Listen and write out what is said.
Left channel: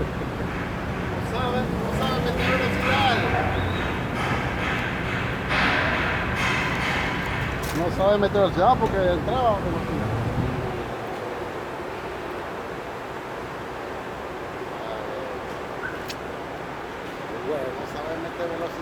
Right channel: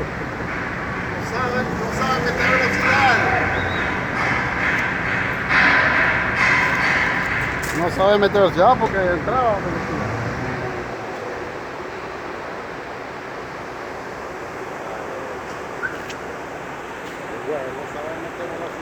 No sabe meter velocidad. No sabe meter velocidad porque entraba a velocidad. Bueno, no sabe meter velocidad.